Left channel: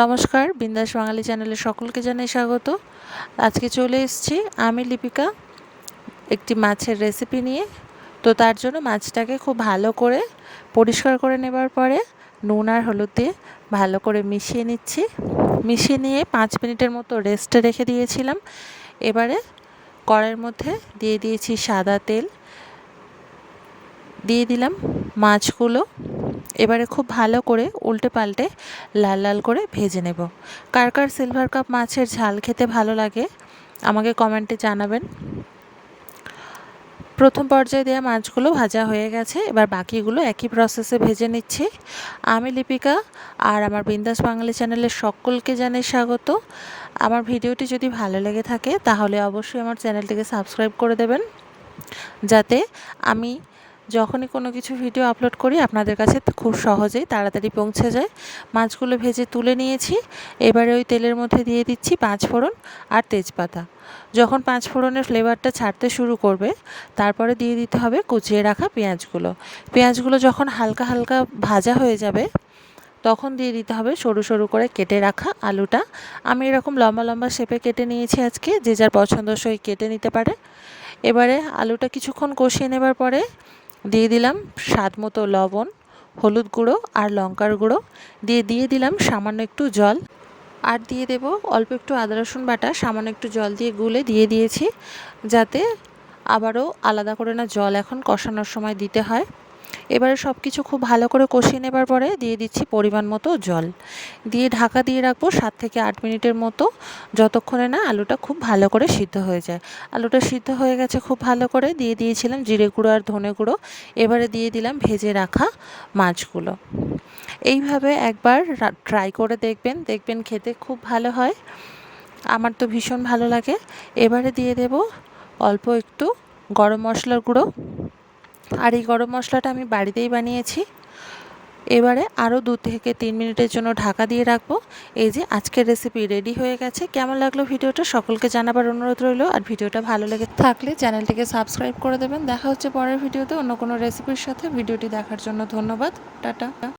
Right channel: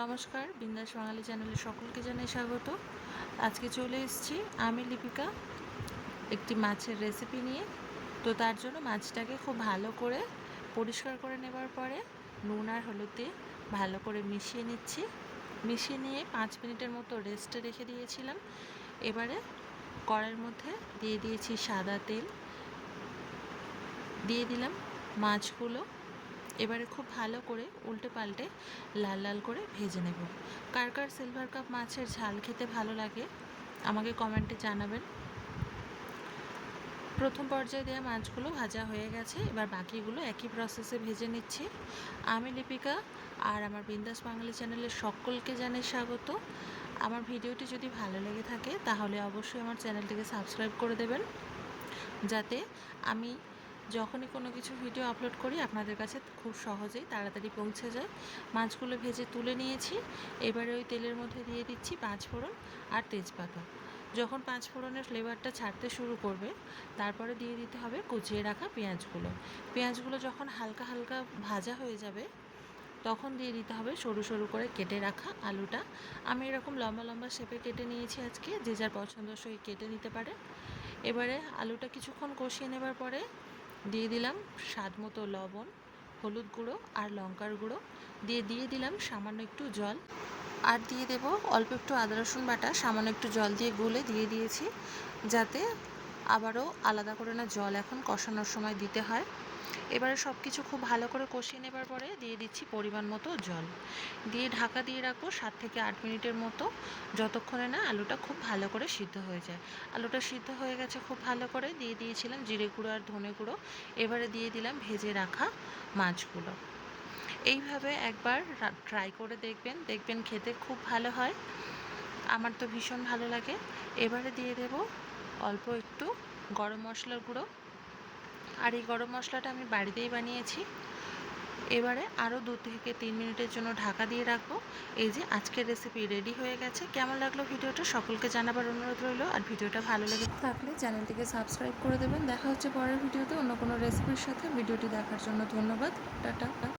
নমস্কার, বিন্দাস বাঙালি চ্যানেলে সকলকে জানাই স্বাগত। আজকে চলে এসেছি আমি লিপিকা একটি মাছের রেসিপি নিয়ে। তো তার জন্য মাছটাকে খুব ভালো করে পরিষ্কার করে নেবার পরে নুন আর হলুদ দিয়ে ভালো করে মিশিয়ে নিচ্ছি। মিশিয়ে নিয়ে 5 মিনিটের মতো রেস্টে রেখে দিয়েছিলাম। এবারে কড়াইয়ের মধ্যে দিয়ে দিয়েছি সাদা তেল, দিয়ে দিলাম মাছগুলো। এবারে খুব ভালো করে উল্টে পাল্টে লাল লাল করে ভেজে নেব। কার কার সিলভার কাপ মাছের ঝাল খেতে ভালো লাগে আমাকে কমেন্টে জানাবেন। প্রথম পর্যায়ে দেওয়া মাছগুলো ভাজা হয়ে গেছে, এবার বাকিগুলো একই প্রসেসে ভেজে নিচ্ছি। আমি লিপিকা আর আমার বিন্দাস বাঙালি চ্যানেলের সকলকে জানাই স্বাগত। আমার ভিডিওটি যদি ভালো লেগে থাকে তাহলে অবশ্যই আমার চ্যানেলটিকে সাবস্ক্রাইব করে দেবেন, যাতে আমি যখনই কোনো কিছু ভিডিও আপলোড করি আপনাদের কাছে খুব সহজেই তাড়াতাড়ি পৌঁছে যায়। মাছগুলো ভেজে তুলে নিয়েছি। এবারে ওই তেলের মধ্যে দিয়ে দিচ্ছি 5 ফোড়ন আর তেজপাতা। যখন 5 ফোড়নের ফ্লেভারটা ছাড়তে শুরু করবে তারপরে দিয়ে দিতে হবে কুচিয়ে রাখা পেঁয়াজগুলো। পেঁয়াজগুলো যখন হালকা হালকা ভাজা হয়ে যাবে তখন দিয়ে দিতে হবে সরু সরু করে কেটে রাখা আলুটা। আমি এরকম লম্বা লম্বা শেপে কেটে নিয়েছি আজকে, যে যার পছন্দসই কেটে নিতে পারে। এবারে আলুটা কিছুক্ষণ কষিয়ে নেবার পরে দিয়ে দিলাম স্বাদ মতো লবণ, হলুদ গুঁড়ো আর লঙ্কার গুঁড়ো, দিয়ে দিলাম সামান্য একটু জল, আর দিয়ে দেব অল্প একটু আদা রসুন বাটা সামান্য একটু জল দিয়ে গুলে দিয়ে দিয়েছি, যাতে আবারও আলাদা করে না জল এখন কষানোর সময় দিতে হয়। এবারে সব কিছু খুব ভালো করে কষিয়ে নেবার পরে দিয়ে দিচ্ছি পরিমাণ মতো জল, দিয়ে ঢাকা দিয়ে রাখবো 7 থেকে 8 মিনিটের মতো, যতক্ষণে না আলুটা খুব ভালো করে সিদ্ধ হয়ে যায়। আলুটা সিদ্ধ হয়ে গেছে খুব ভালো করে, দিয়ে দিয়েছিলাম জিরে গুঁড়ো আর ধনে গুঁড়ো। এবারে দিয়ে দিলাম ভেজে রাখা মাছগুলো। এইভাবে একবার ট্রাই করে দেখবেন খেতে খুব ভালো হয়। আমার তো ভীষণ ভালো লাগে। এবারে দিয়ে দেব অল্প একটু গরম মশলার গুঁড়ো, আর এই গরম মশলাটা আমি বাড়িতেই বানিয়েছি। এবারে আরও 2 থেকে 3 মিনিটের জন্য ঢাকা দিয়ে রাখবো। এই যে আজকের রেসিপি রেডি হয়ে গেছে। কেমন লাগলো ভিডিওটা সকলকে জানাবার অনুরোধ রইল, আর ভিডিওটা ভালো লেগে থাকলে চ্যানেলটিকে সাবস্ক্রাইব করে দেবেন। দেখা হচ্ছে পরের ভিডিওতে অন্য কোনো রেসিপির সাথে। ভিডিওটি দেখার জন্য ধন্যবাদ। টাটা।